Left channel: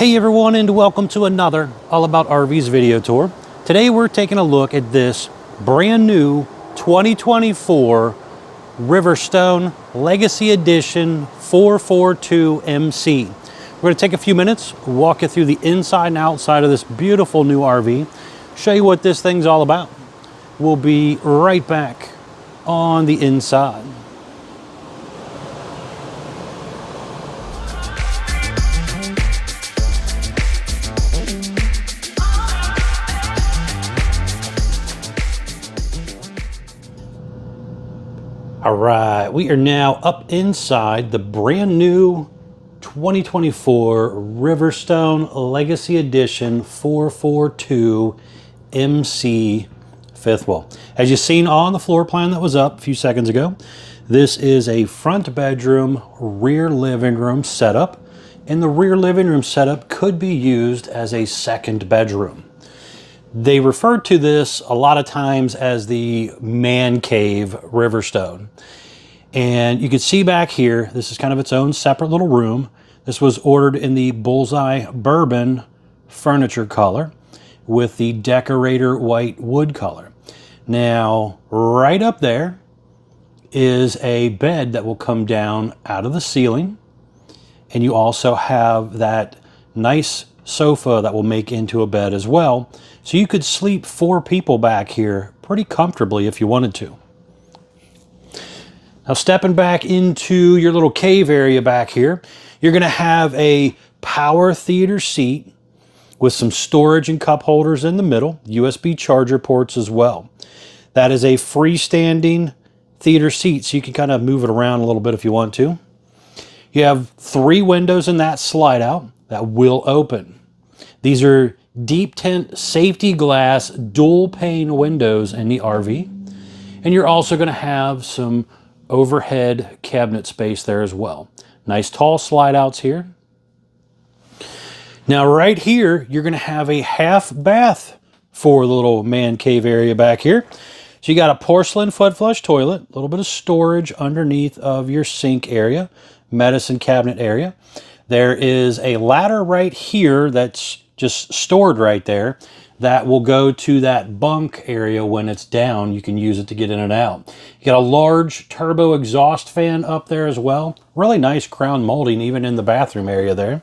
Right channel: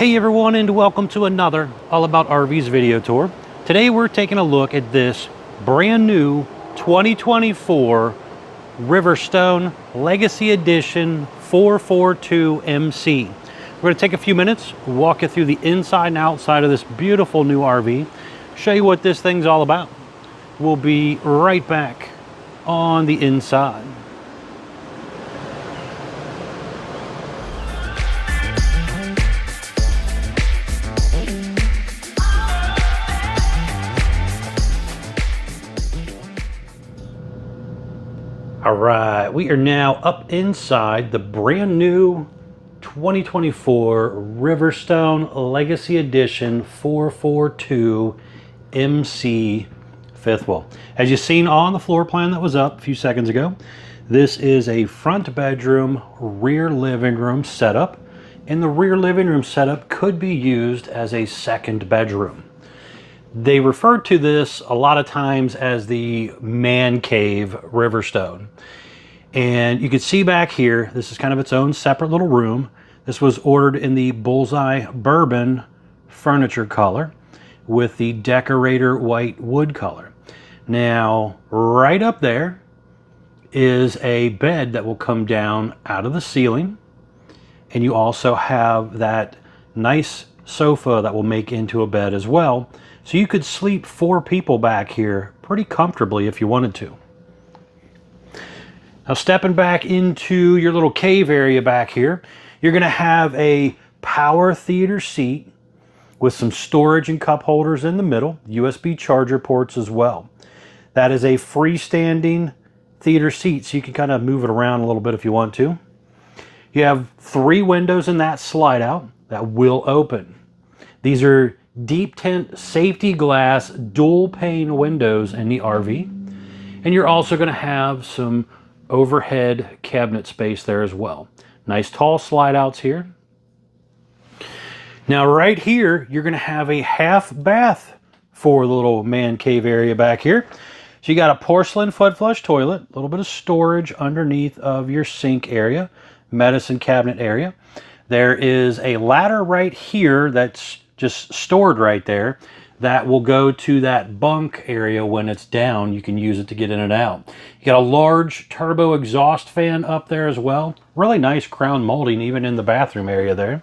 Hey everyone, and welcome to another All About RVs video tour. Today we're taking a look at this brand new 2024 Riverstone Legacy Edition 442 MC. We're going to take a few minutes, walk you through the inside and outside of this beautiful new RV, show you what this thing's all about. We'll be right back on the inside. All right, we are now up inside the brand new 2024 Riverstone Legacy Edition 442 MC Fifth Wheel. As you've seen on the floor plan that was up a few seconds ago, this is a front bedroom, rear living room setup, and the rear living room setup could be used as a second bedroom. They refer to this a lot of times as the man cave Riverstone. And you can see back here, this is kind of its own separate little room. This was ordered in the Bullseye Bourbon furniture color with the decorator white wood color. Now, right up there is a bed that will come down out of the ceiling. And you also have that nice sofa that will make into a bed as well. So you could sleep 4 people back here pretty comfortably if you wanted to. Now stepping back into your little cave area back here, you're going to have a power theater seat with some storage and cup holders in the middle, USB charger ports as well. That is a freestanding theater seat, so you can kind of move it around a little bit if you want to. You have 3 windows in that slide out that will open. These are deep tint safety glass dual pane windows in the RV. And you're also going to have some overhead cabinet space there as well. Nice tall slide outs here. Now right here, you're going to have a half bath for the little man cave area back here. So you got a porcelain foot flush toilet, a little bit of storage underneath of your sink area, medicine cabinet area. There is a ladder right here that's just stored right there that will go to that bunk area when it's down. You can use it to get in and out. You got a large turbo exhaust fan up there as well. Really nice crown molding even in the bathroom area there.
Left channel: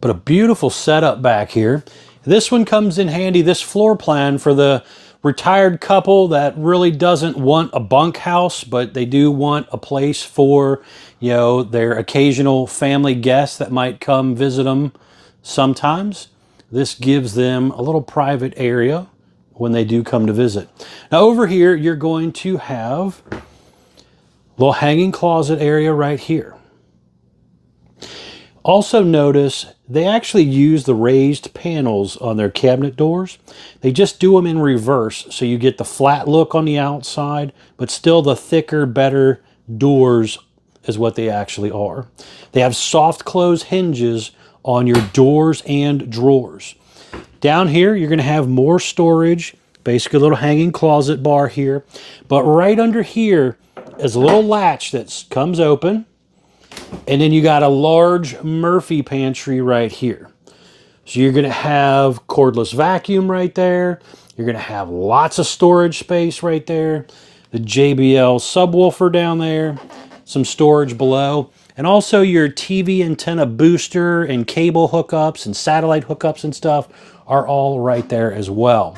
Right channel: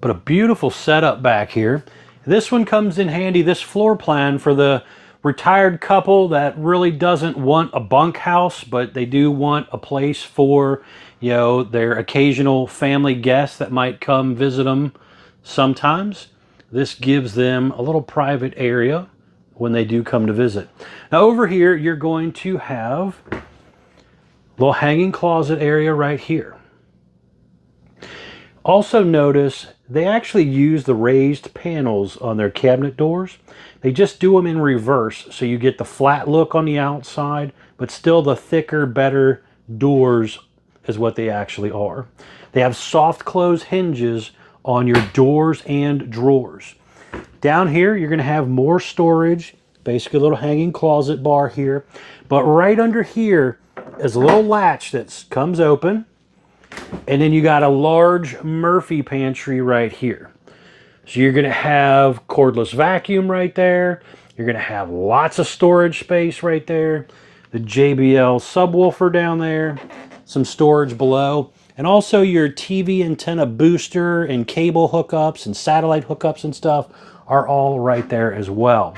But a beautiful setup back here. This one comes in handy, this floor plan, for the retired couple that really doesn't want a bunkhouse, but they do want a place for, you know, their occasional family guests that might come visit them sometimes. This gives them a little private area when they do come to visit. Now over here, you're going to have a little hanging closet area right here. Also notice they actually use the raised panels on their cabinet doors. They just do them in reverse, so you get the flat look on the outside, but still the thicker, better doors is what they actually are. They have soft close hinges on your doors and drawers. Down here, you're going to have more storage, basically a little hanging closet bar here. But right under here is a little latch that comes open. And then you got a large Murphy pantry right here. So you're going to have cordless vacuum right there. You're going to have lots of storage space right there. The JBL subwoofer down there. Some storage below. And also your TV antenna booster and cable hookups and satellite hookups and stuff are all right there as well.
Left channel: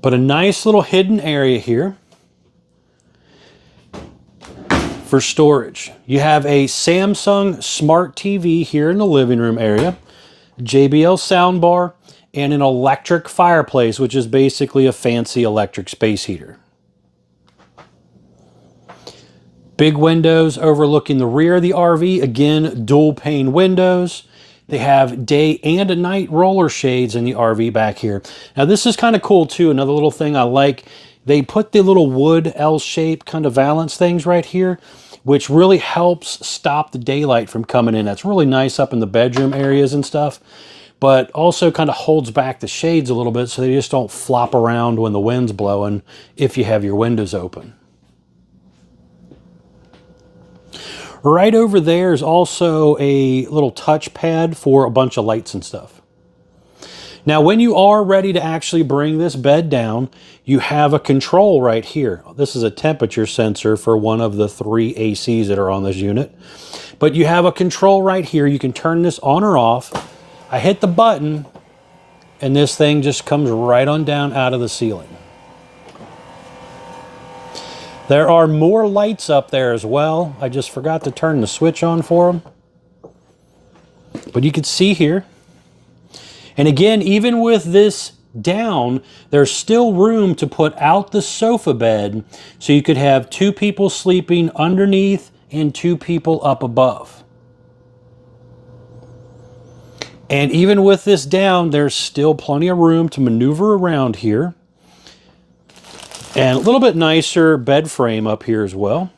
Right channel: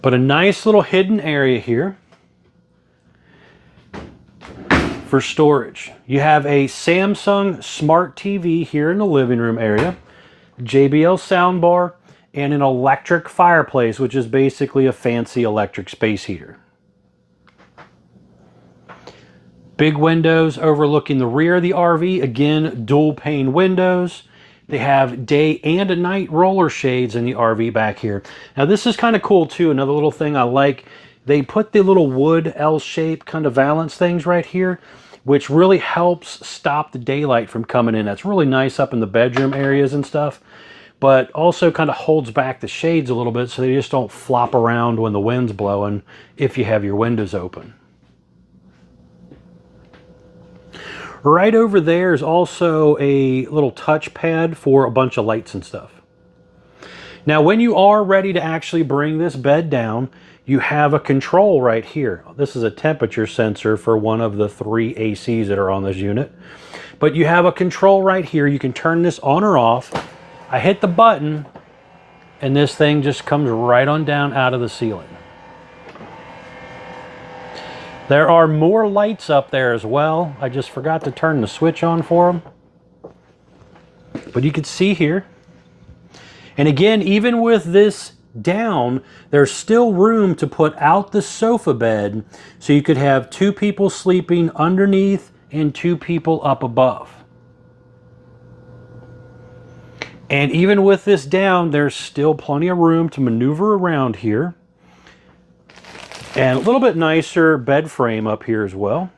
But a nice little hidden area here for storage. You have a Samsung Smart TV here in the living room area, JBL soundbar, and an electric fireplace, which is basically a fancy electric space heater. Big windows overlooking the rear of the RV. Again, dual pane windows. They have day and night roller shades in the RV back here. Now this is kind of cool too. Another little thing I like, they put the little wood L-shaped kind of valance things right here, which really helps stop the daylight from coming in. That's really nice up in the bedroom areas and stuff, but also kind of holds back the shades a little bit so they just don't flop around when the wind's blowing if you have your windows open. Right over there is also a little touchpad for a bunch of lights and stuff. Now, when you are ready to actually bring this bed down, you have a control right here. This is a temperature sensor for one of the 3 ACs that are on this unit. But you have a control right here. You can turn this on or off. I hit the button, and this thing just comes right on down out of the ceiling. There are more lights up there as well. I just forgot to turn the switch on for them. But you can see here. And again, even with this down, there's still room to put out the sofa bed, so you could have 2 people sleeping underneath and 2 people up above. And even with this down, there's still plenty of room to maneuver around here. And a little bit nicer bed frame up here as well.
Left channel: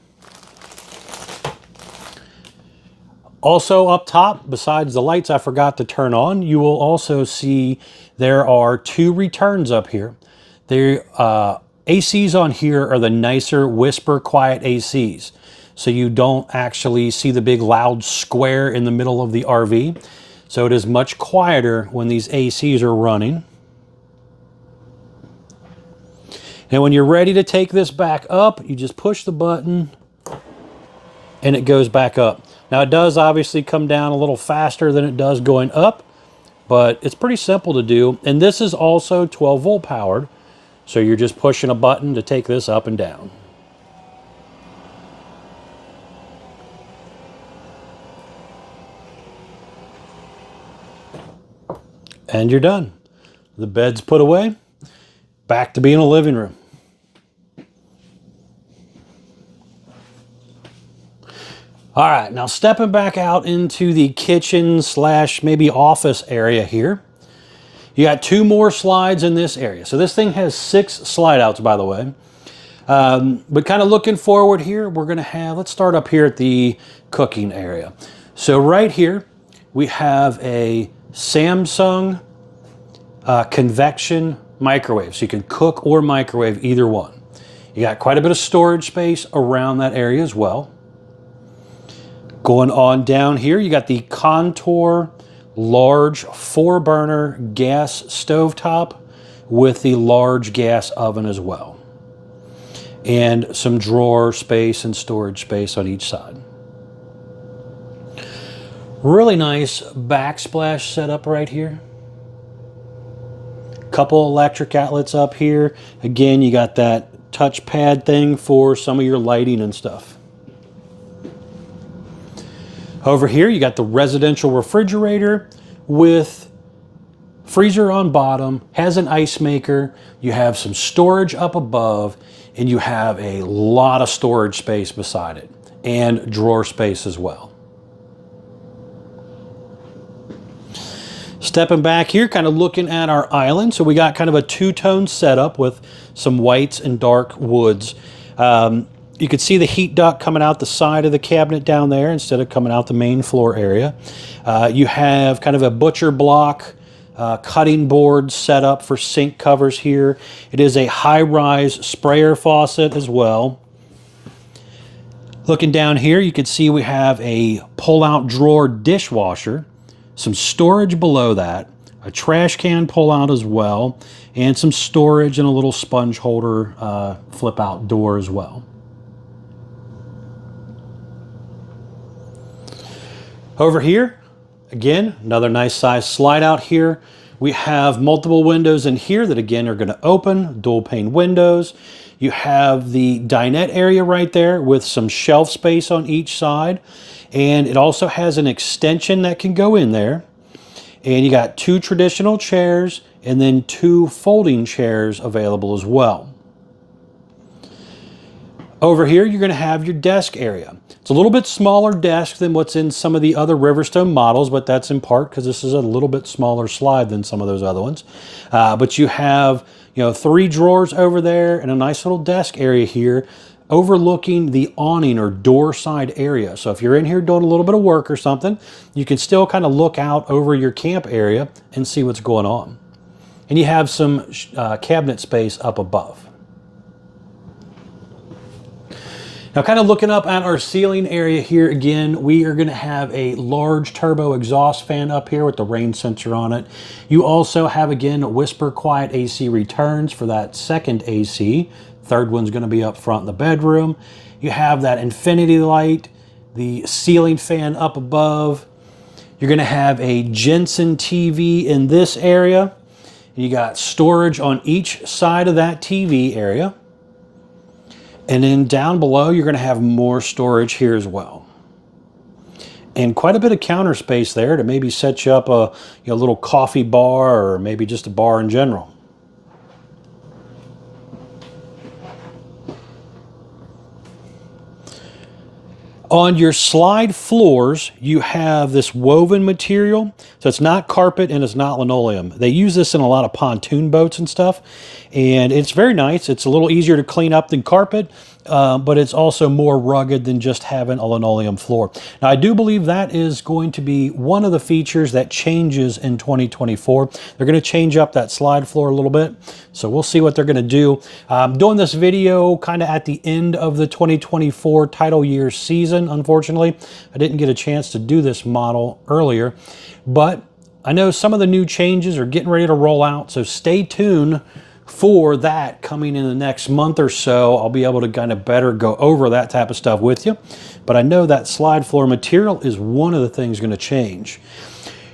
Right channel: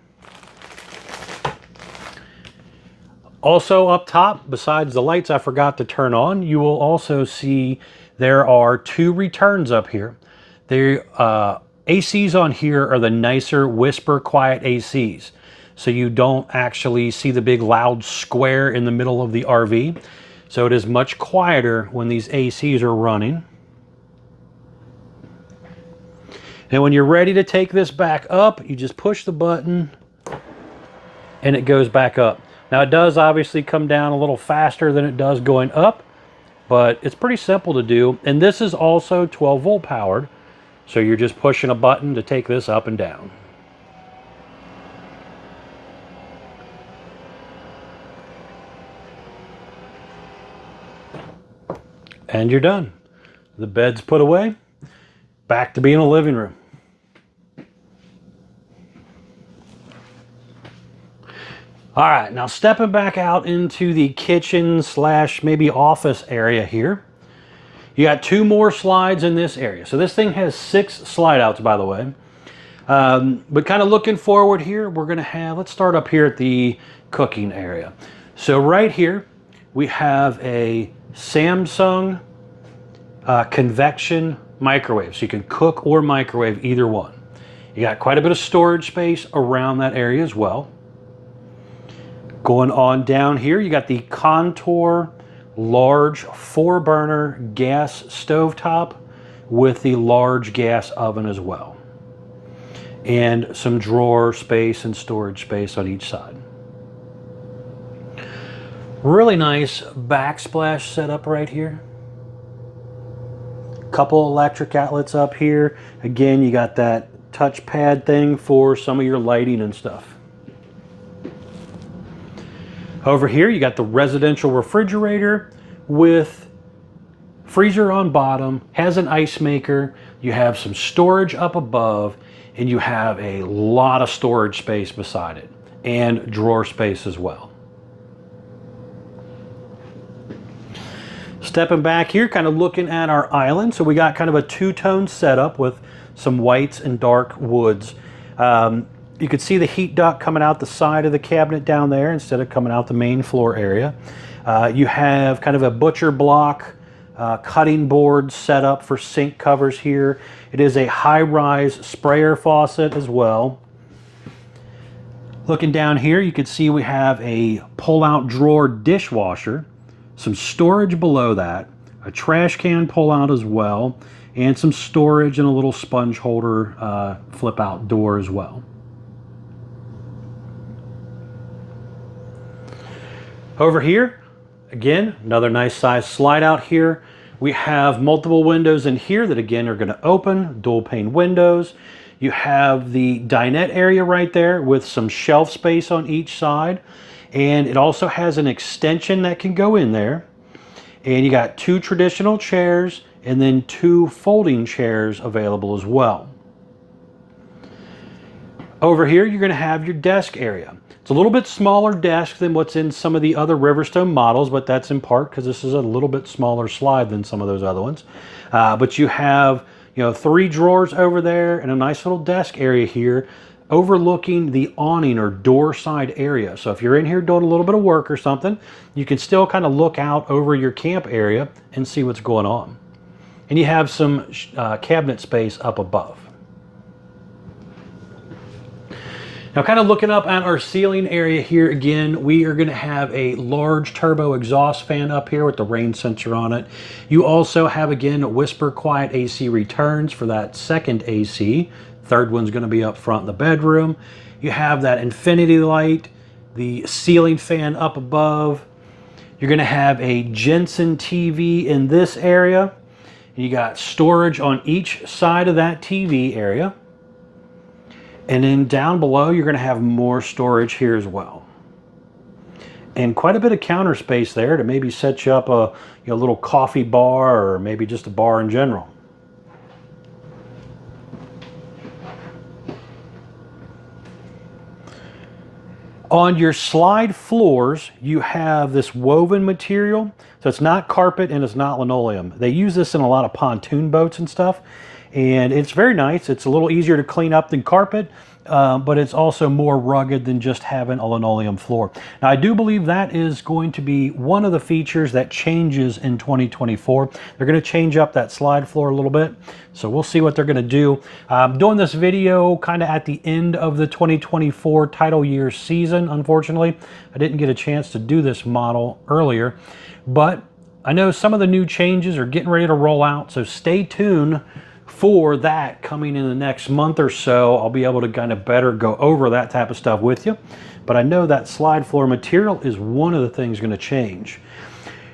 Also up top, besides the lights I forgot to turn on, you will also see there are 2 returns up here. The ACs on here are the nicer whisper quiet ACs. So you don't actually see the big loud square in the middle of the RV. So it is much quieter when these ACs are running. And when you're ready to take this back up, you just push the button and it goes back up. Now it does obviously come down a little faster than it does going up, but it's pretty simple to do. And this is also 12 volt powered. So you're just pushing a button to take this up and down. And you're done. The bed's put away. Back to being a living room. All right, now stepping back out into the kitchen / maybe office area here. You got 2 more slides in this area. So this thing has 6 slide outs, by the way. But kind of looking forward here, we're gonna have, let's start up here at the cooking area. So right here, we have a Samsung convection microwave. So you can cook or microwave either one. You got quite a bit of storage space around that area as well. Going on down here, you got the Contour large 4-burner gas stovetop with the large gas oven as well. And some drawer space and storage space on each side. Really nice backsplash setup right here. Couple electric outlets up here. Again, you got that touchpad thing for some of your lighting and stuff. Over here, you got the residential refrigerator with freezer on bottom, has an ice maker. You have some storage up above, and you have a lot of storage space beside it, and drawer space as well. Stepping back here, kind of looking at our island. So we got kind of a 2-tone setup with some whites and dark woods. You can see the heat duct coming out the side of the cabinet down there instead of coming out the main floor area. You have kind of a butcher block cutting board set up for sink covers here. It is a high-rise sprayer faucet as well. Looking down here, you can see we have a pull-out drawer dishwasher, some storage below that, a trash can pull-out as well, and some storage and a little sponge holder flip-out door as well. Over here, again, another nice size slide out here. We have multiple windows in here that again are going to open, dual pane windows. You have the dinette area right there with some shelf space on each side. And it also has an extension that can go in there. And you got 2 traditional chairs and then 2 folding chairs available as well. Over here, you're going to have your desk area. It's a little bit smaller desk than what's in some of the other Riverstone models, but that's in part because this is a little bit smaller slide than some of those other ones. But you have, 3 drawers over there and a nice little desk area here overlooking the awning or door side area. So if you're in here doing a little bit of work or something, you can still kind of look out over your camp area and see what's going on. And you have some cabinet space up above. Now, kind of looking up at our ceiling area here again, we are going to have a large turbo exhaust fan up here with the rain sensor on it. You also have, again, whisper quiet AC returns for that second AC. Third one's going to be up front in the bedroom. You have that infinity light, the ceiling fan up above. You're going to have a Jensen TV in this area. You got storage on each side of that TV area. And then down below, you're going to have more storage here as well. And quite a bit of counter space there to maybe set you up a little coffee bar or maybe just a bar in general. On your slide floors, you have this woven material. So it's not carpet and it's not linoleum. They use this in a lot of pontoon boats and stuff. And it's very nice. It's a little easier to clean up than carpet, but it's also more rugged than just having a linoleum floor. Now, I do believe that is going to be one of the features that changes in 2024. They're going to change up that slide floor a little bit, so we'll see what they're going to do. I'm doing this video kind of at the end of the 2024 title year season, unfortunately. I didn't get a chance to do this model earlier, but I know some of the new changes are getting ready to roll out, so stay tuned for that coming in the next month or so. I'll be able to kind of better go over that type of stuff with you. But I know that slide floor material is one of the things going to change.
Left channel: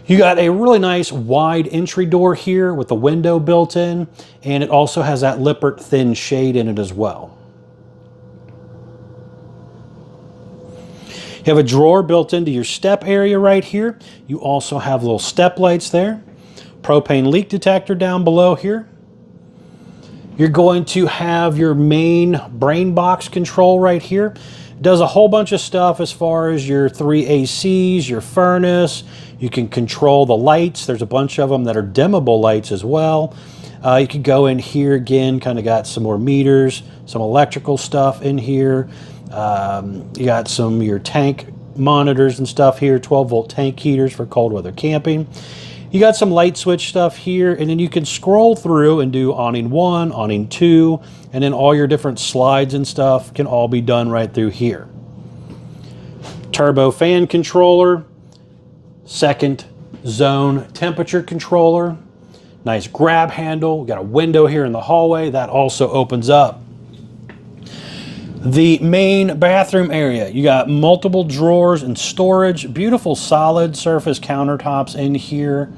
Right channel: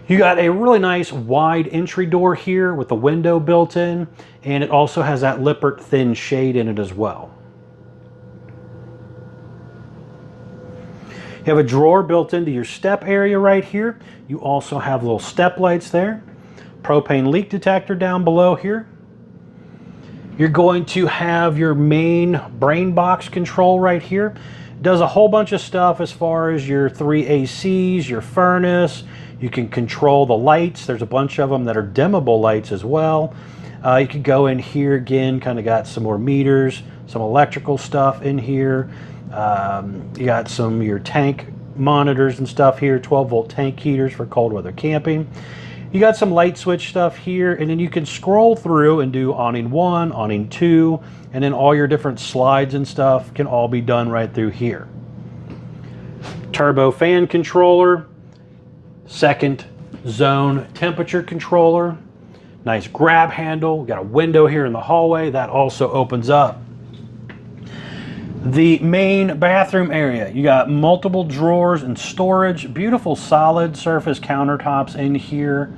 You got a really nice wide entry door here with the window built in, and it also has that Lippert thin shade in it as well. You have a drawer built into your step area right here. You also have little step lights there. Propane leak detector down below here. You're going to have your main brain box control right here. It does a whole bunch of stuff as far as your 3 ACs, your furnace. You can control the lights. There's a bunch of them that are dimmable lights as well. You can go in here again, kind of got some more meters, some electrical stuff in here. You got some your tank monitors and stuff here, 12-volt tank heaters for cold weather camping. You got some light switch stuff here, and then you can scroll through and do awning 1, awning 2, and then all your different slides and stuff can all be done right through here. Turbo fan controller, second zone temperature controller, nice grab handle. Got a window here in the hallway that also opens up. The main bathroom area, you got multiple drawers and storage, beautiful solid surface countertops in here,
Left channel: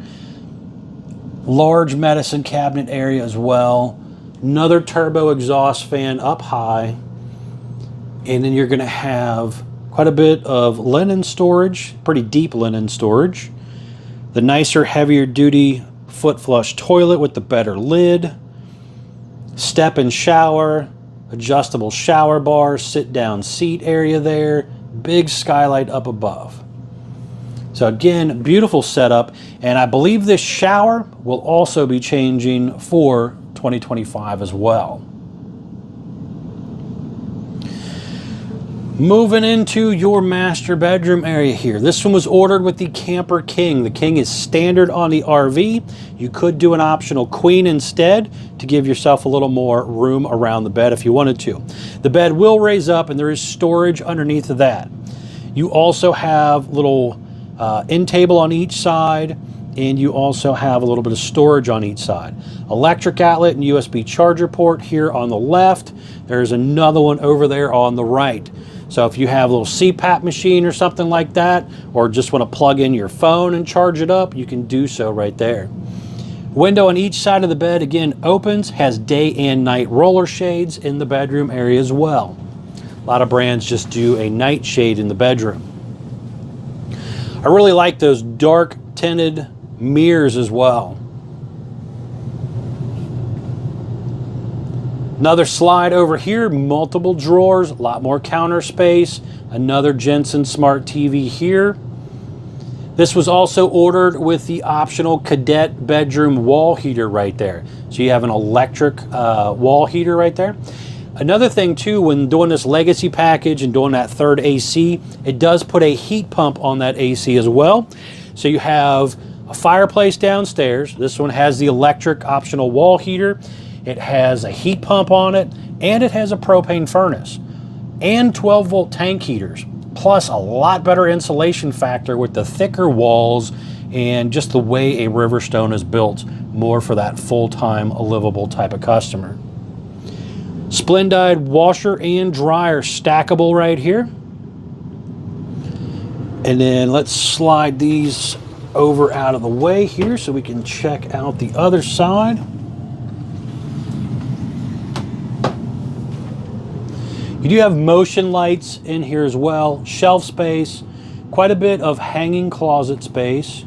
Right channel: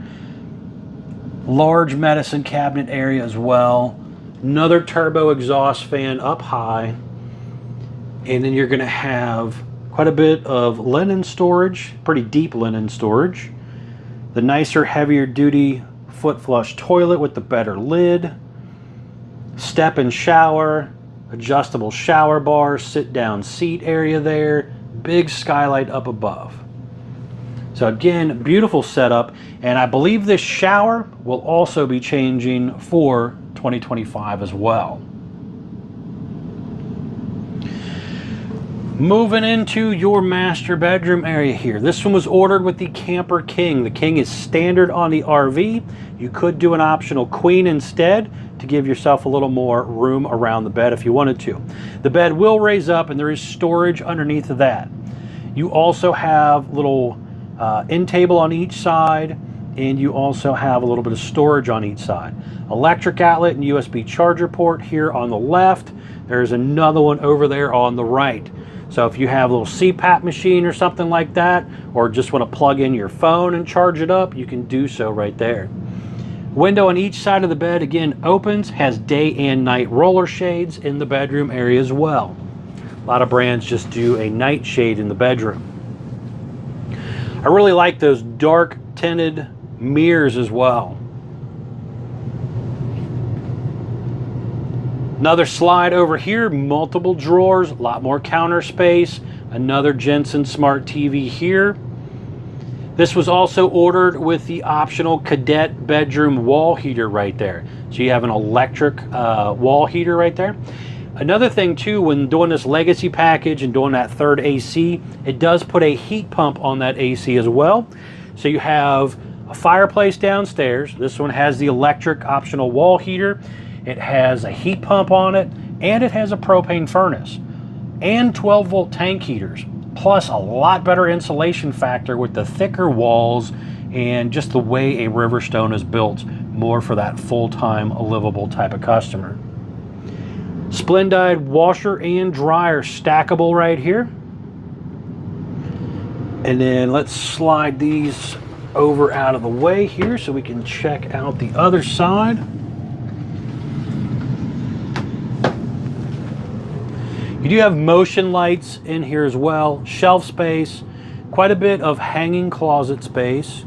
large medicine cabinet area as well, another turbo exhaust fan up high, and then you're going to have quite a bit of linen storage, pretty deep linen storage, the nicer, heavier duty foot flush toilet with the better lid, step and shower, adjustable shower bar, sit down seat area there, big skylight up above. So again, beautiful setup, and I believe this shower will also be changing for 2025 as well. Moving into your master bedroom area here. This one was ordered with the Camper King. The King is standard on the RV. You could do an optional Queen instead to give yourself a little more room around the bed if you wanted to. The bed will raise up and there is storage underneath of that. You also have little end table on each side, and you also have a little bit of storage on each side. Electric outlet and USB charger port here on the left. There's another one over there on the right. So if you have a little CPAP machine or something like that, or just want to plug in your phone and charge it up, you can do so right there. Window on each side of the bed, again, opens, has day and night roller shades in the bedroom area as well. A lot of brands just do a night shade in the bedroom. I really like those dark tinted mirrors as well. Another slide over here, multiple drawers, a lot more counter space, another Jensen Smart TV here. This was also ordered with the optional cadet bedroom wall heater right there. So you have an electric wall heater right there. Another thing too, when doing this legacy package and doing that third AC, it does put a heat pump on that AC as well. So you have a fireplace downstairs. This one has the electric optional wall heater. It has a heat pump on it, and it has a propane furnace. and 12-volt tank heaters, plus a lot better insulation factor with the thicker walls and just the way a Riverstone is built, more for that full-time livable type of customer. Splendide washer and dryer stackable right here. And then let's slide these over out of the way here so we can check out the other side. You do have motion lights in here as well, shelf space, quite a bit of hanging closet space.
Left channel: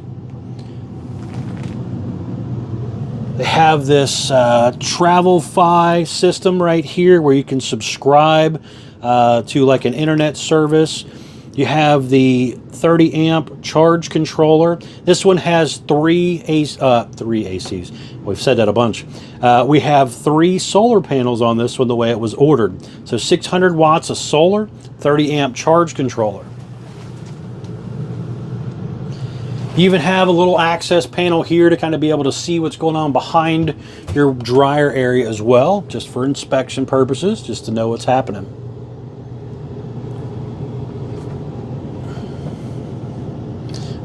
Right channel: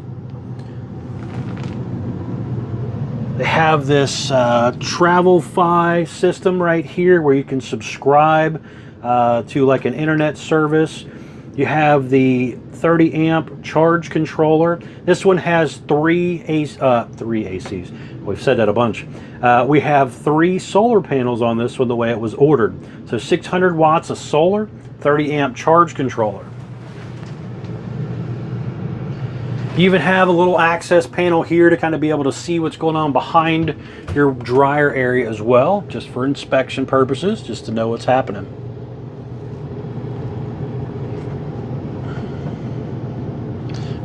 They have this Travelify system right here where you can subscribe to like an internet service. You have the 30 amp charge controller. This one has three ACs. We've said that a bunch. We have 3 solar panels on this one the way it was ordered. So 600 watts of solar, 30 amp charge controller. You even have a little access panel here to kind of be able to see what's going on behind your dryer area as well, just for inspection purposes, just to know what's happening.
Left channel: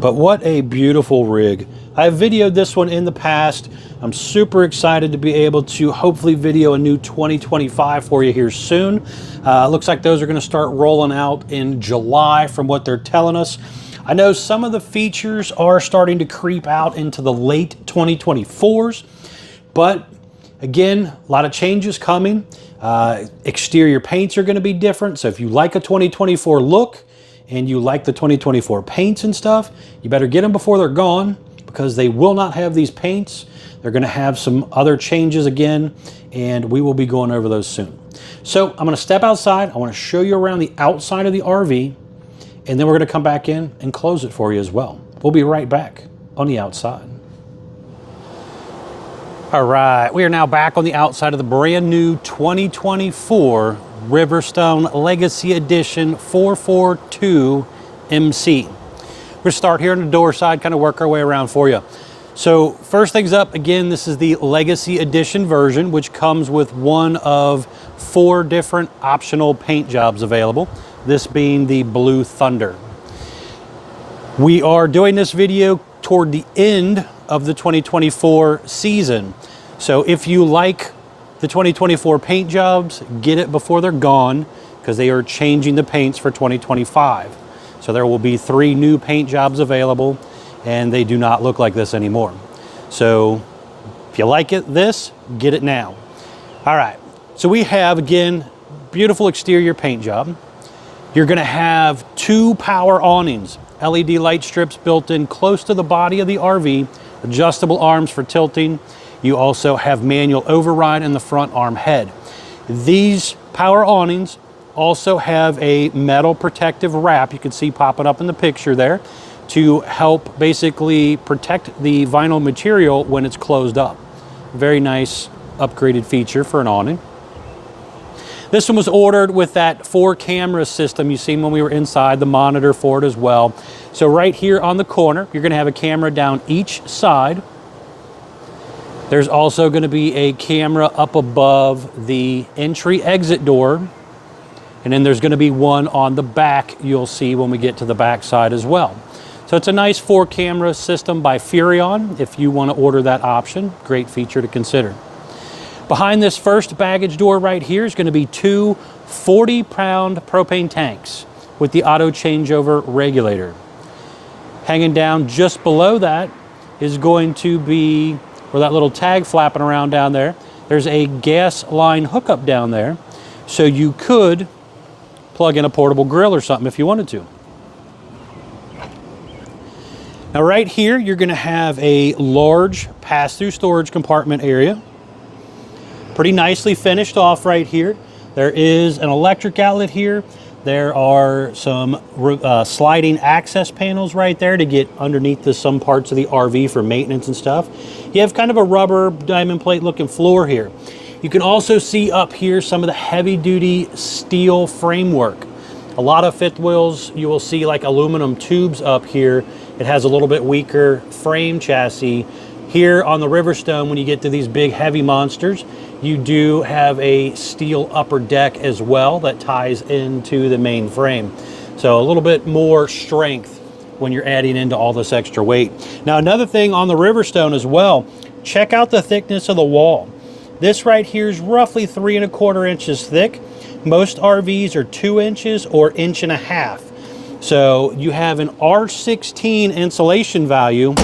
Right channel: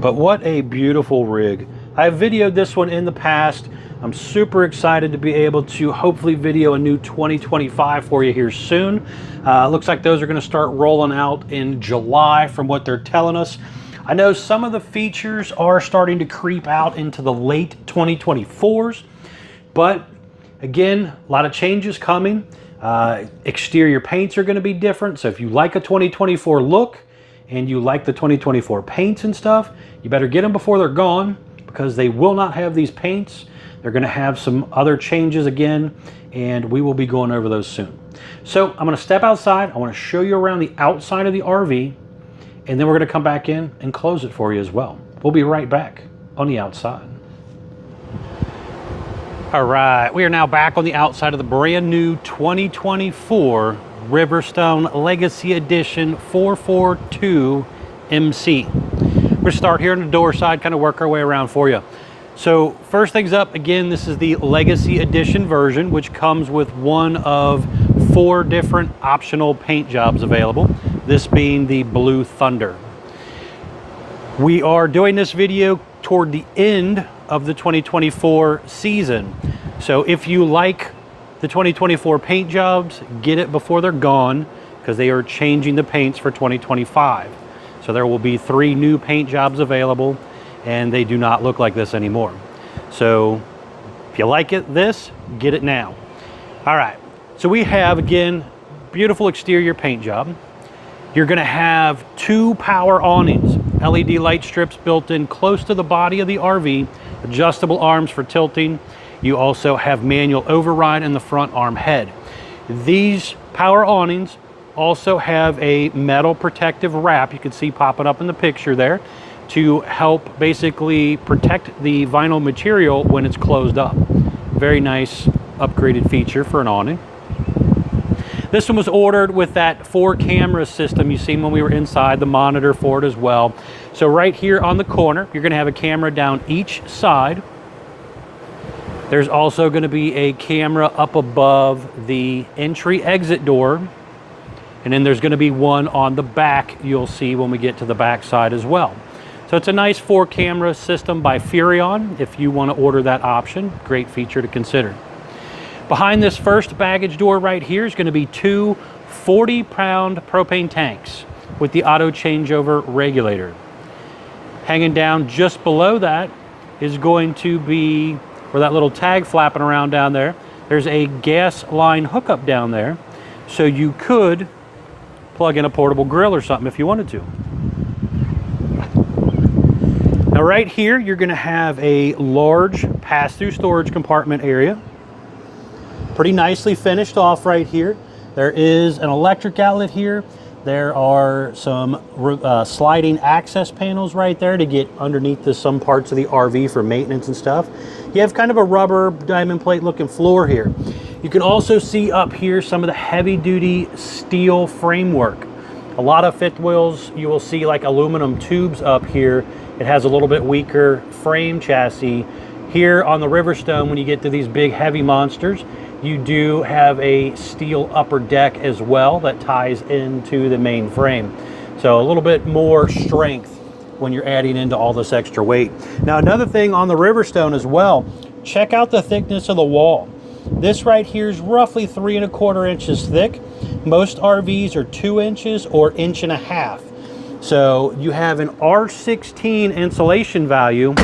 But what a beautiful rig. I have videoed this one in the past. I'm super excited to be able to hopefully video a new 2025 for you here soon. Looks like those are going to start rolling out in July from what they're telling us. I know some of the features are starting to creep out into the late 2024s, but again, a lot of changes coming. Exterior paints are going to be different, so if you like a 2024 look and you like the 2024 paints and stuff, you better get them before they're gone, because they will not have these paints. They're going to have some other changes again, and we will be going over those soon. So I'm going to step outside. I want to show you around the outside of the RV, and then we're going to come back in and close it for you as well. We'll be right back on the outside. All right, we are now back on the outside of the brand new 2024 Riverstone Legacy Edition 442 MC. We're going to start here on the door side, kind of work our way around for you. So first things up, again, this is the Legacy Edition version, which comes with one of 4 different optional paint jobs available, this being the Blue Thunder. We are doing this video toward the end of the 2024 season. So if you like the 2024 paint jobs, get it before they're gone, because they are changing the paints for 2025. So there will be 3 new paint jobs available, and they do not look like this anymore. So if you like it, get it now. All right, so we have, again, beautiful exterior paint job. You're gonna have 2 power awnings, LED light strips built in close to the body of the RV, adjustable arms for tilting. You also have manual override in the front arm head. These power awnings also have a metal protective wrap, you can see popping up in the picture there, to help basically protect the vinyl material when it's closed up. Very nice upgraded feature for an awning. This one was ordered with that 4 camera system you seen when we were inside, the monitor for it as well. So right here on the corner, you're gonna have a camera down each side. There's also gonna be a camera up above the entry exit door. And then there's gonna be one on the back you'll see when we get to the back side as well. So it's a nice 4 camera system by Furrion if you wanna order that option. Great feature to consider. Behind this first baggage door right here is gonna be 2 40-pound propane tanks with the auto changeover regulator. Hanging down just below that is going to be, where that little tag flapping around down there, there's a gas line hookup down there. So you could plug in a portable grill or something if you wanted to. Now right here, you're gonna have a large pass-through storage compartment area. Pretty nicely finished off right here. There is an electric outlet here. There are some sliding access panels right there to get underneath some parts of the RV for maintenance and stuff. You have kind of a rubber diamond plate looking floor here. You can also see up here some of the heavy duty steel framework. A lot of fifth wheels, you will see like aluminum tubes up here. It has a little bit weaker frame chassis. Here on the Riverstone, when you get to these big heavy monsters, you do have a steel upper deck as well that ties into the main frame. So a little bit more strength when you're adding into all this extra weight. Now, another thing on the Riverstone as well, check out the thickness of the wall. This right here is roughly 3¼ inches thick. Most RVs are 2 inches or 1.5 inches. So you have an R16 insulation value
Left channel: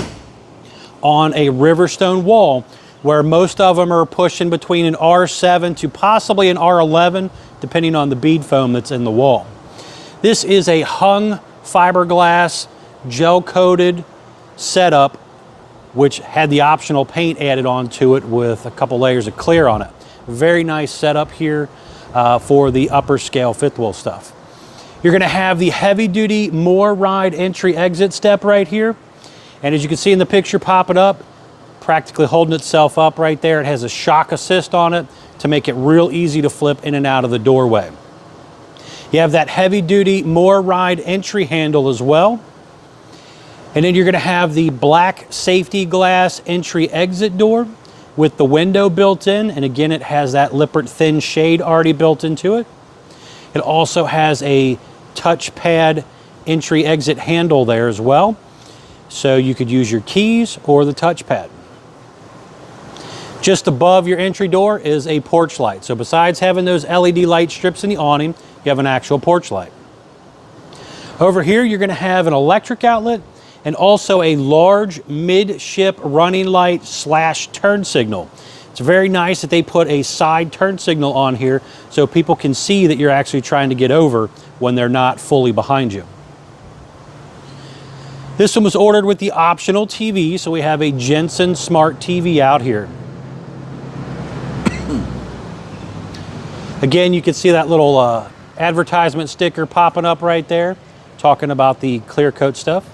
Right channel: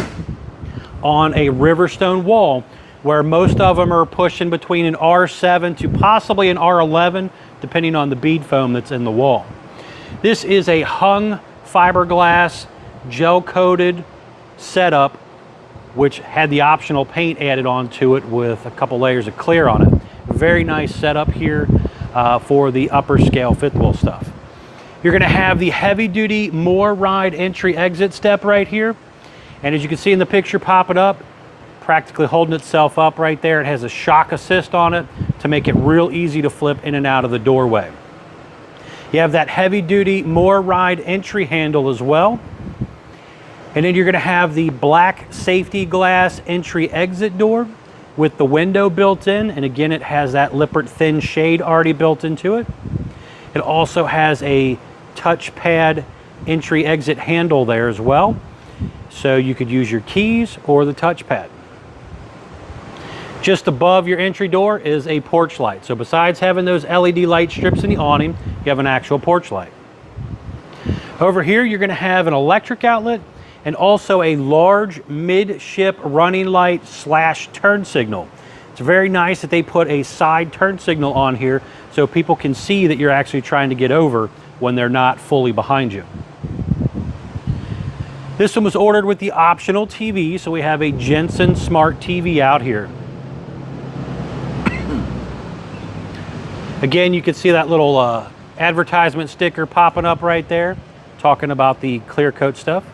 on a Riverstone wall, where most of them are pushing between an R7 to possibly an R11, depending on the bead foam that's in the wall. This is a hung fiberglass gel coated setup, which had the optional paint added onto it with a couple layers of clear on it. Very nice setup here for the upper scale fifth wheel stuff. You're going to have the heavy duty More Ride entry exit step right here, and as you can see in the picture popping up, practically holding itself up right there. It has a shock assist on it to make it real easy to flip in and out of the doorway. You have that heavy duty More Ride entry handle as well. And then you're going to have the black safety glass entry exit door with the window built in. And again, it has that Lippert thin shade already built into it. It also has a touchpad entry exit handle there as well. So you could use your keys or the touchpad. Just above your entry door is a porch light. So besides having those LED light strips in the awning, you have an actual porch light. Over here, you're going to have an electric outlet and also a large midship running light / turn signal. It's very nice that they put a side turn signal on here so people can see that you're actually trying to get over when they're not fully behind you. This one was ordered with the optional TV, so we have a Jensen Smart TV out here. Again, you can see that little advertisement sticker popping up right there, talking about the clear coat stuff.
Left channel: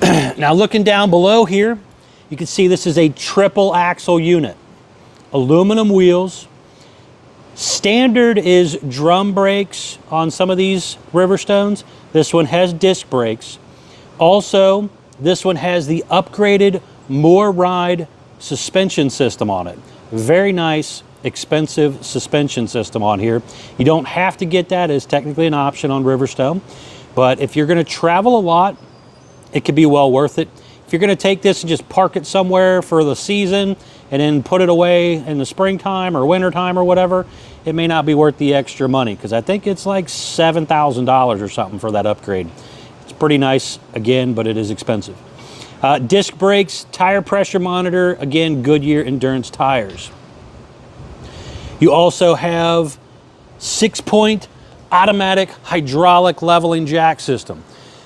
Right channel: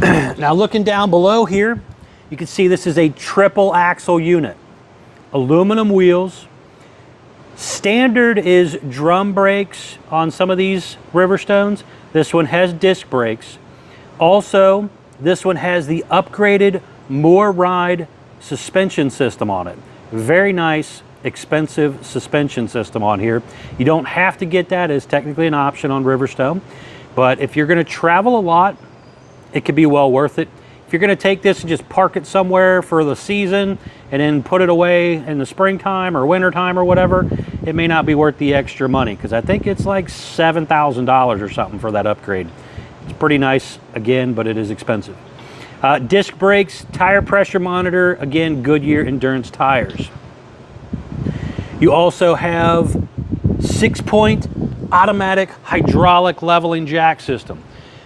Now looking down below here, you can see this is a triple axle unit. Aluminum wheels. Standard is drum brakes on some of these Riverstones. This one has disc brakes. Also, this one has the upgraded More Ride suspension system on it. Very nice, expensive suspension system on here. You don't have to get that, it's technically an option on Riverstone. But if you're going to travel a lot, it could be well worth it. If you're going to take this and just park it somewhere for the season and then put it away in the springtime or wintertime or whatever, it may not be worth the extra money, because I think it's like $7,000 or something for that upgrade. It's pretty nice, again, but it is expensive. Disc brakes, tire pressure monitor, again, Goodyear Endurance tires. You also have 6-point automatic hydraulic leveling jack system.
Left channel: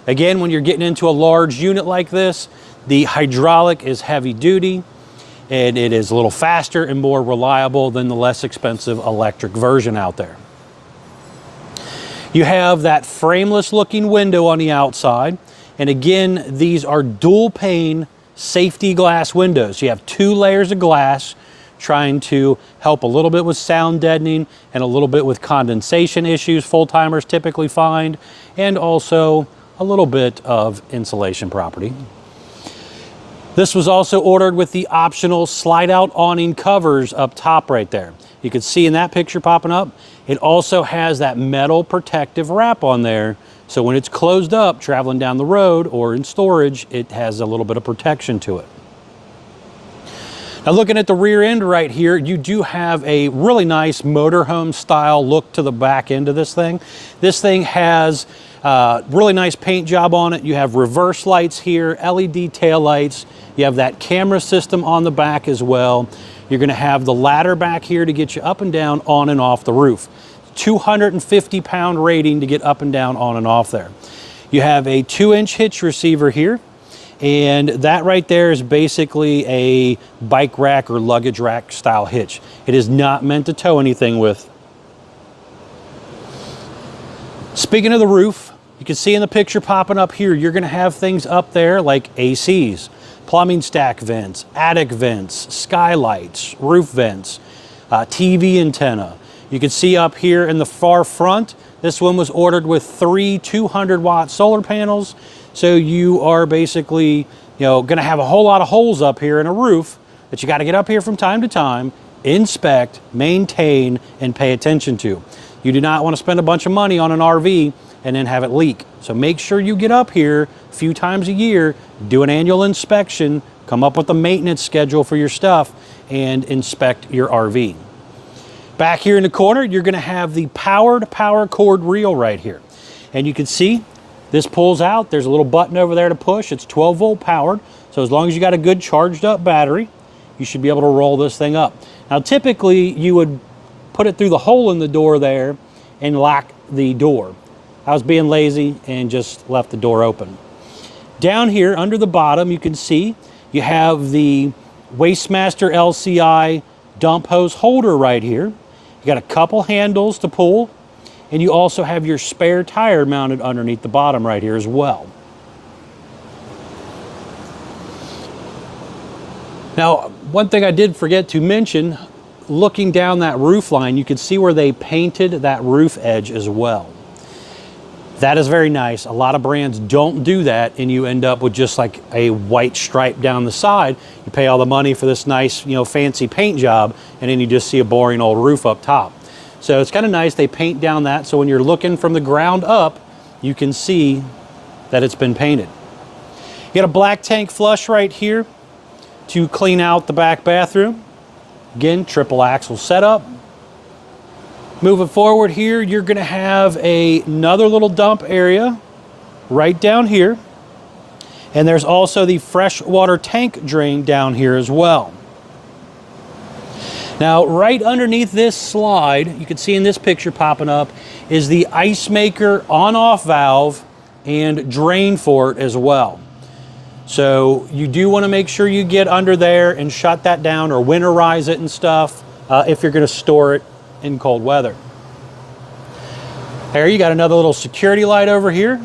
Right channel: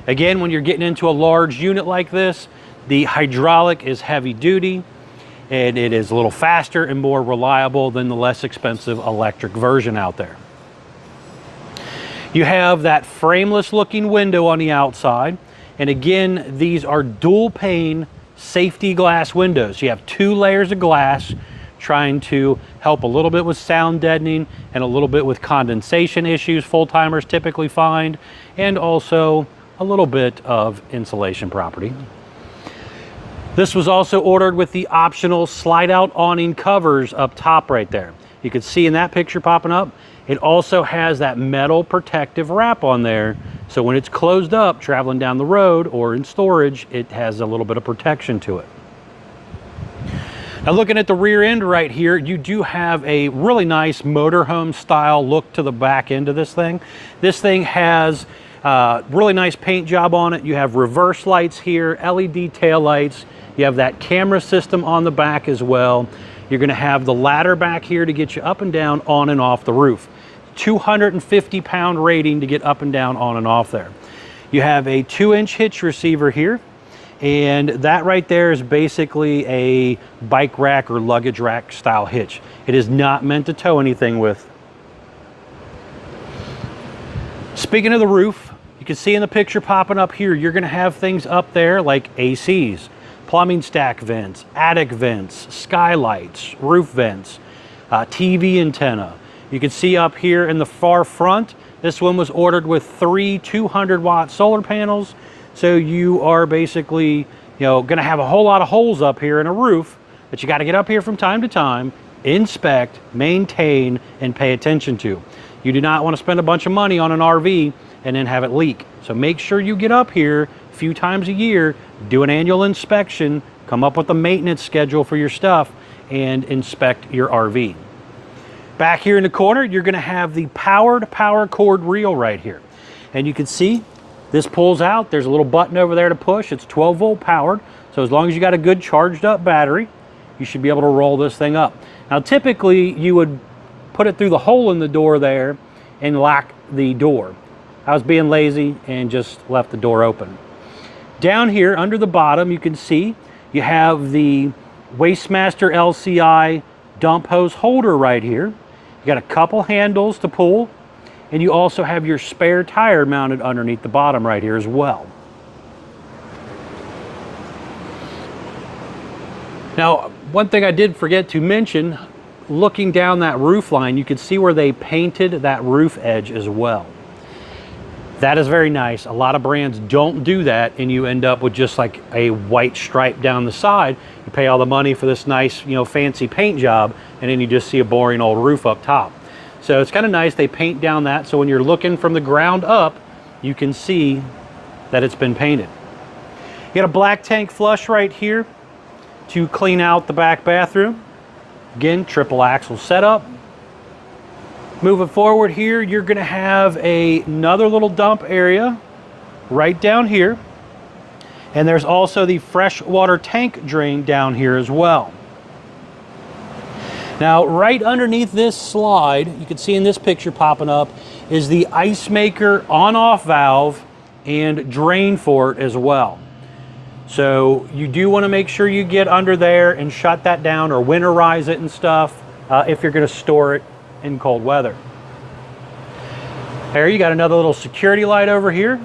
Again, when you're getting into a large unit like this, the hydraulic is heavy duty, and it is a little faster and more reliable than the less expensive electric version out there. You have that frameless looking window on the outside. And again, these are dual pane safety glass windows. You have 2 layers of glass, trying to help a little bit with sound deadening and a little bit with condensation issues full-timers typically find, and also a little bit of insulation property. This was also ordered with the optional slide-out awning covers up top right there. You can see in that picture popping up, it also has that metal protective wrap on there. So when it's closed up, traveling down the road or in storage, it has a little bit of protection to it. Now looking at the rear end right here, you do have a really nice motorhome style look to the back end of this thing. This thing has really nice paint job on it. You have reverse lights here, LED tail lights. You have that camera system on the back as well. You're going to have the ladder back here to get you up and down, on and off the roof. 250-pound rating to get up and down, on and off there. You have a 2-inch hitch receiver here, and that right there is basically a bike rack or luggage rack style hitch. It is not meant to tow anything with. Speaking of the roof, you can see in the picture popping up here, you're going to have things up there like ACs, plumbing stack vents, attic vents, skylights, roof vents, TV antenna. You can see up here in the far front, this one was ordered with 3 200-watt solar panels. So you are basically, going to have a whole lot of holes up here in a roof that you got to get up here from time to time, inspect, maintain, and pay attention to. You do not want to spend a bunch of money on an RV and then have it leak. So make sure you get up here a few times a year, do an annual inspection, come up with a maintenance schedule for your stuff, and inspect your RV. Back here in the corner, you're going to have the powered power cord reel right here. And you can see this pulls out. There's a little button over there to push. It's 12 volt powered. So as long as you got a good charged up battery, you should be able to roll this thing up. Now, typically you would put it through the hole in the door there and lock the door. I was being lazy and just left the door open. Down here under the bottom, you can see you have the Wastemaster LCI dump hose holder right here. You got a couple handles to pull, and you also have your spare tire mounted underneath the bottom right here as well. Now, one thing I did forget to mention, looking down that roof line, you can see where they painted that roof edge as well. That is very nice. A lot of brands don't do that, and you end up with just like a white stripe down the side. You pay all the money for this nice, fancy paint job, and then you just see a boring old roof up top. So it's kind of nice they paint down that, so when you're looking from the ground up, you can see that it's been painted. You got a black tank flush right here to clean out the back bathroom. Again, triple axle setup. Moving forward here, you're going to have another little dump area right down here. And there's also the freshwater tank drain down here as well. Now, right underneath this slide, you can see in this picture popping up, is the ice maker on-off valve and drain for it as well. So you do want to make sure you get under there and shut that down or winterize it and stuff if you're going to store it in cold weather. There you got another little security light over here.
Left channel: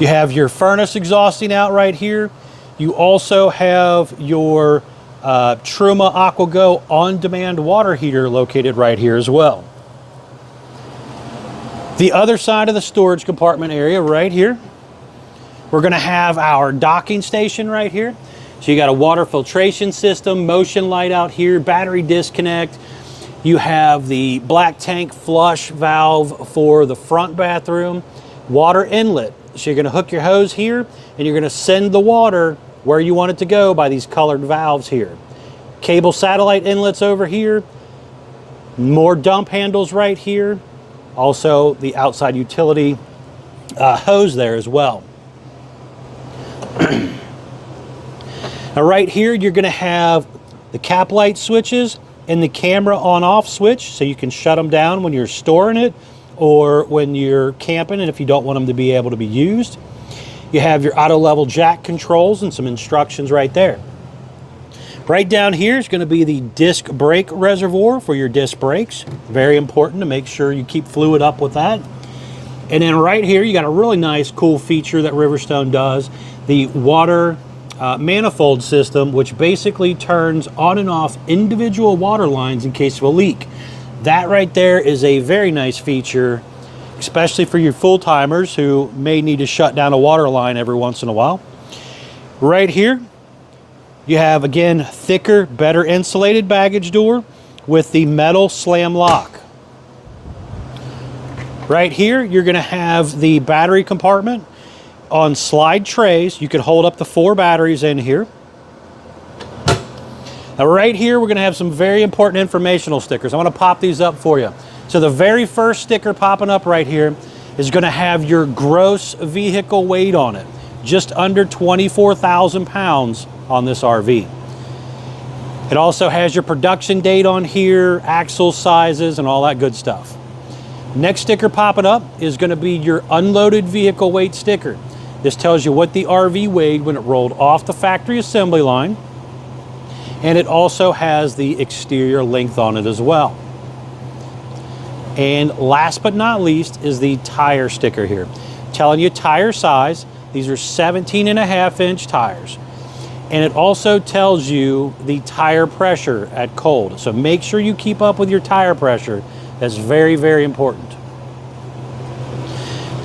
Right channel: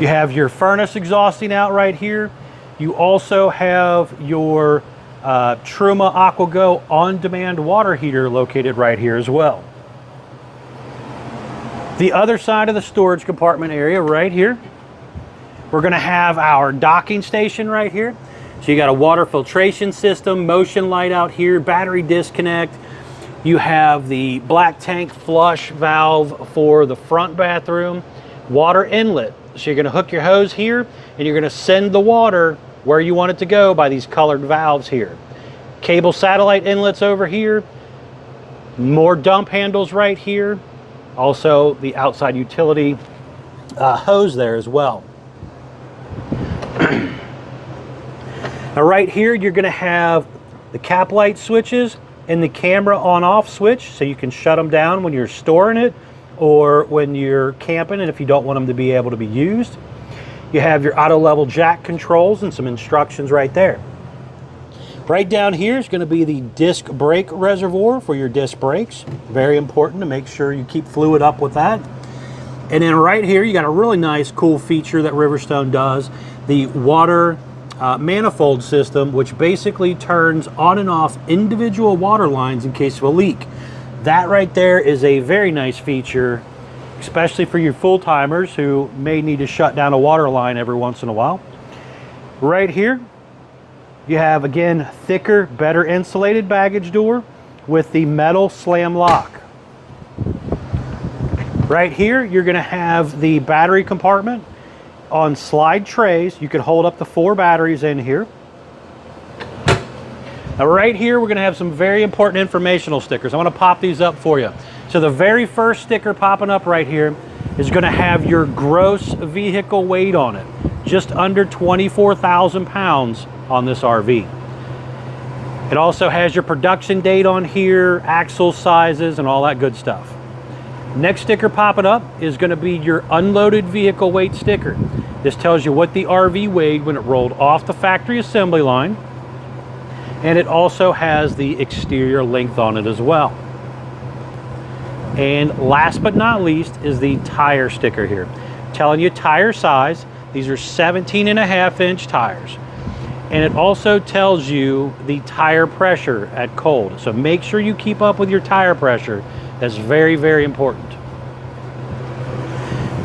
You have your furnace exhausting out right here. You also have your Truma AquaGo on-demand water heater located right here as well. The other side of the storage compartment area right here, we're going to have our docking station right here. So you got a water filtration system, motion light out here, battery disconnect. You have the black tank flush valve for the front bathroom, water inlet. So you're going to hook your hose here, and you're going to send the water where you want it to go by these colored valves here. Cable satellite inlets over here, more dump handles right here. Also the outside utility hose there as well. Now right here, you're going to have the cap light switches and the camera on-off switch, so you can shut them down when you're storing it or when you're camping and if you don't want them to be able to be used. You have your auto level jack controls and some instructions right there. Right down here is going to be the disc brake reservoir for your disc brakes. Very important to make sure you keep fluid up with that. And then right here, you got a really nice, cool feature that Riverstone does, the water manifold system, which basically turns on and off individual water lines in case of a leak. That right there is a very nice feature, especially for your full-timers who may need to shut down a water line every once in a while. Right here, you have, again, thicker, better insulated baggage door with the metal slam lock. Right here, you're going to have the battery compartment on slide trays. You can hold up to 4 batteries in here. Now right here, we're going to have some very important informational stickers. I'm going to pop these up for you. So the very first sticker popping up right here is going to have your gross vehicle weight on it. Just under 24,000 pounds on this RV. It also has your production date on here, axle sizes, and all that good stuff. Next sticker popping up is going to be your unloaded vehicle weight sticker. This tells you what the RV weighed when it rolled off the factory assembly line. And it also has the exterior length on it as well. And last but not least is the tire sticker here. Telling you tire size. These are 17.5-inch tires. And it also tells you the tire pressure at cold. So make sure you keep up with your tire pressure. That's very, very important.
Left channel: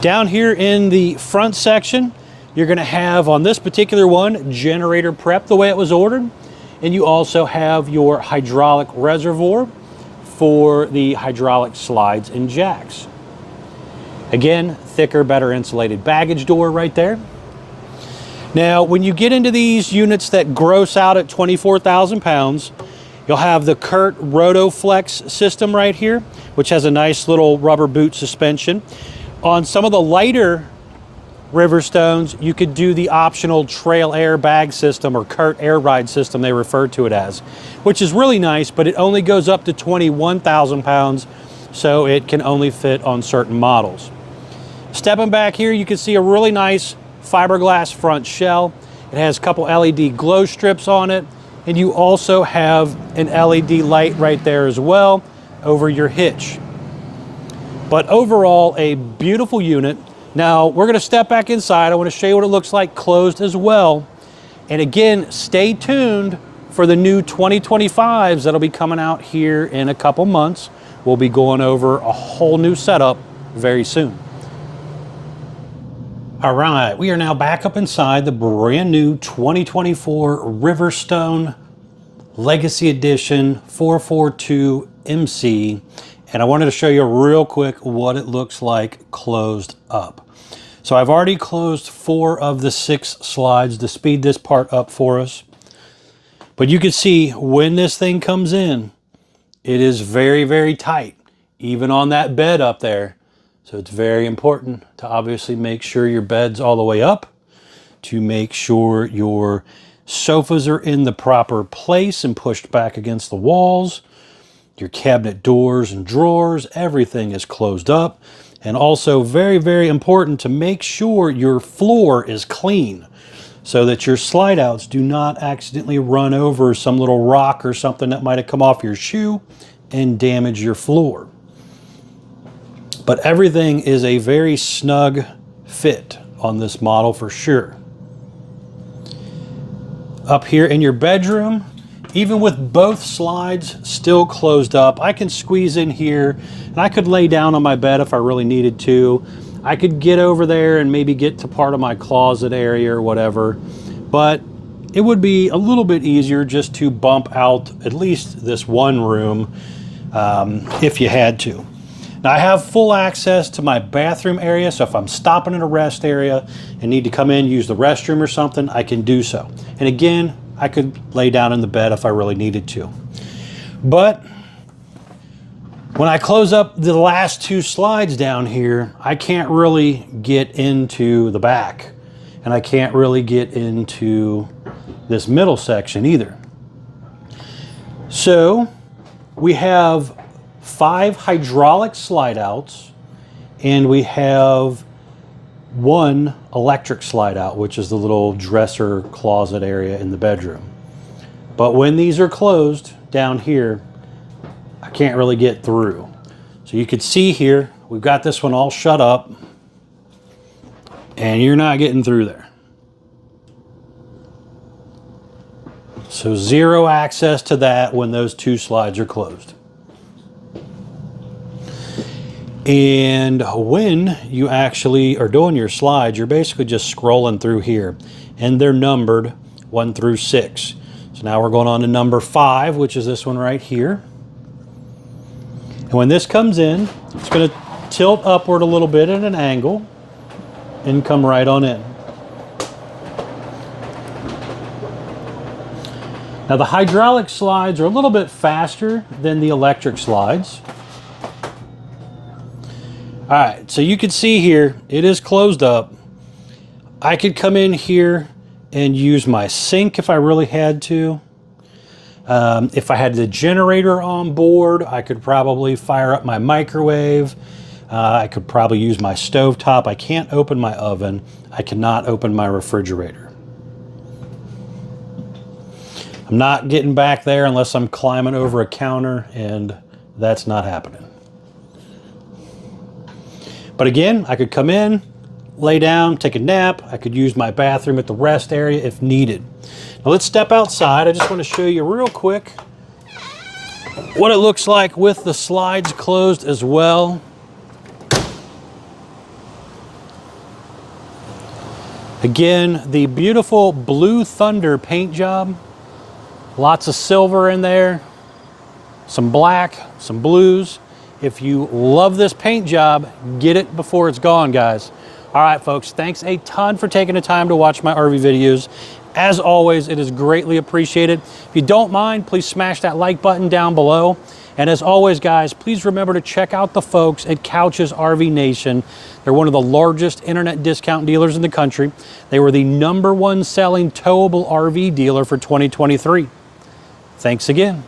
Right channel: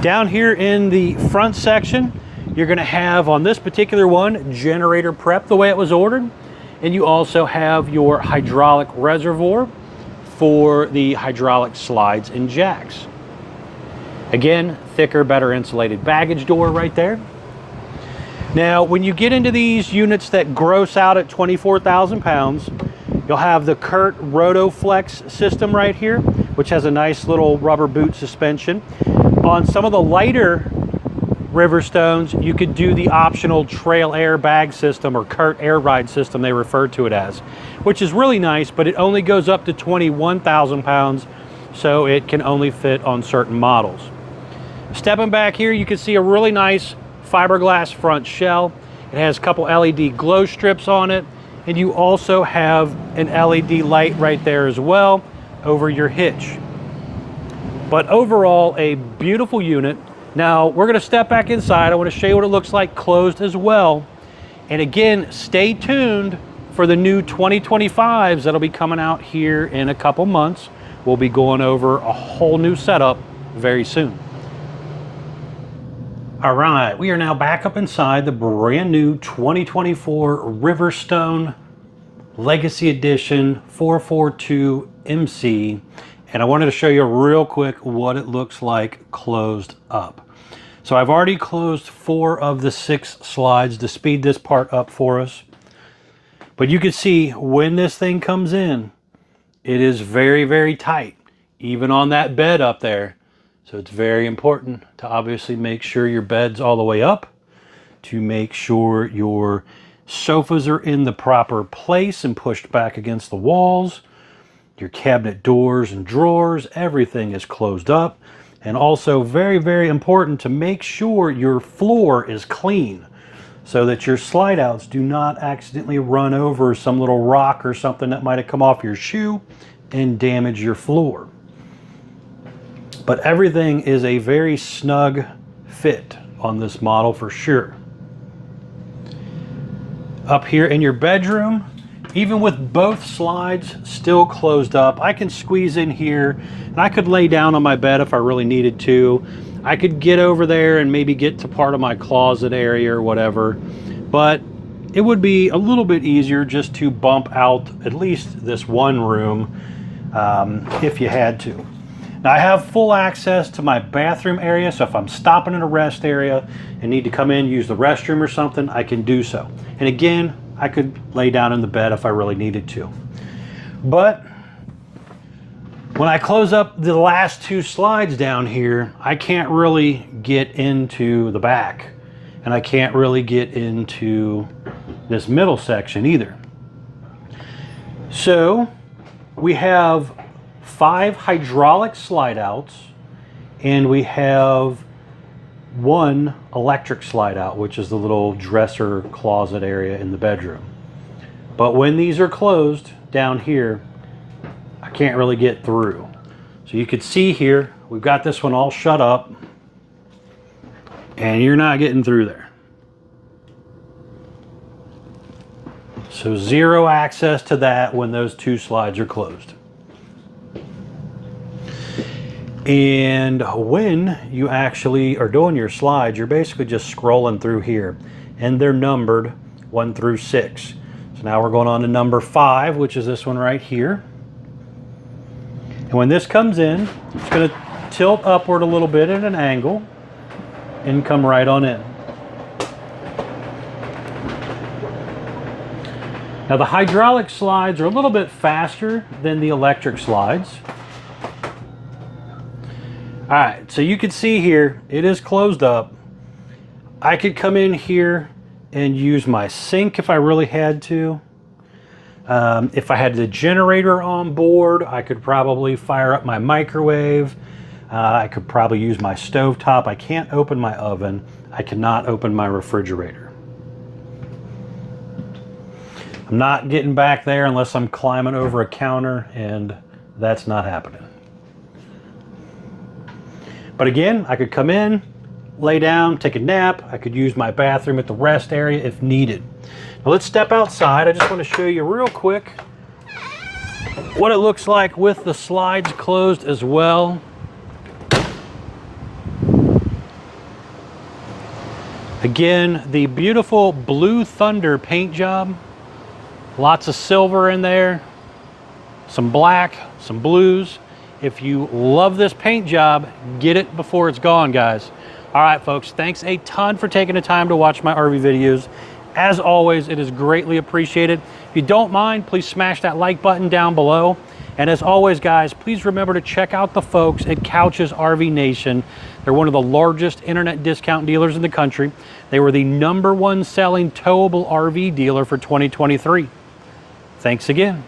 Down here in the front section, you're going to have on this particular one, generator prep the way it was ordered. And you also have your hydraulic reservoir for the hydraulic slides and jacks. Again, thicker, better insulated baggage door right there. Now, when you get into these units that gross out at 24,000 pounds, you'll have the Kurt Rotoflex system right here, which has a nice little rubber boot suspension. On some of the lighter Riverstones, you could do the optional trail air bag system, or Kurt air ride system they refer to it as, which is really nice, but it only goes up to 21,000 pounds, so it can only fit on certain models. Stepping back here, you can see a really nice fiberglass front shell. It has a couple LED glow strips on it, and you also have an LED light right there as well over your hitch. But overall, a beautiful unit. Now, we're going to step back inside. I want to show you what it looks like closed as well. And again, stay tuned for the new 2025s that'll be coming out here in a couple months. We'll be going over a whole new setup very soon. All right, we are now back up inside the brand new 2024 Riverstone Legacy Edition 442 MC. And I wanted to show you real quick what it looks like closed up. So I've already closed 4 of the 6 slides to speed this part up for us. But you can see when this thing comes in, it is very, very tight, even on that bed up there. So it's very important to obviously make sure your bed's all the way up, to make sure your sofas are in the proper place and pushed back against the walls. Your cabinet doors and drawers, everything is closed up. And also very, very important to make sure your floor is clean so that your slide outs do not accidentally run over some little rock or something that might have come off your shoe and damage your floor. But everything is a very snug fit on this model for sure. Up here in your bedroom, even with both slides still closed up, I can squeeze in here and I could lay down on my bed if I really needed to. I could get over there and maybe get to part of my closet area or whatever, but it would be a little bit easier just to bump out at least this one room if you had to. Now I have full access to my bathroom area, so if I'm stopping in a rest area and need to come in, use the restroom or something, I can do so. And again, I could lay down in the bed if I really needed to. But when I close up the last 2 slides down here, I can't really get into the back, and I can't really get into this middle section either. So we have 5 hydraulic slide outs, and we have 1 electric slide out, which is the little dresser closet area in the bedroom. But when these are closed down here, I can't really get through. So you can see here, we've got this one all shut up, and you're not getting through there. So 0 access to that when those 2 slides are closed. And when you actually are doing your slides, you're basically just scrolling through here, and they're numbered 1 through 6. So now we're going on to number 5, which is this one right here. And when this comes in, it's going to tilt upward a little bit at an angle and come right on in. Now the hydraulic slides are a little bit faster than the electric slides. All right, so you can see here, it is closed up. I could come in here and use my sink if I really had to. If I had the generator on board, I could probably fire up my microwave. I could probably use my stovetop. I can't open my oven. I cannot open my refrigerator. I'm not getting back there unless I'm climbing over a counter, and that's not happening. But again, I could come in, lay down, take a nap. I could use my bathroom at the rest area if needed. Now let's step outside. I just want to show you real quick what it looks like with the slides closed as well. Again, the beautiful Blue Thunder paint job Lots of silver in there, some black, some blues. If you love this paint job, get it before it's gone, guys. All right, folks, thanks a ton for taking the time to watch my RV videos. As always, it is greatly appreciated. If you don't mind, please smash that like button down below. And as always, guys, please remember to check out the folks at Couch's RV Nation. They're one of the largest internet discount dealers in the country. They were the #1 selling towable RV dealer for 2023. Thanks again.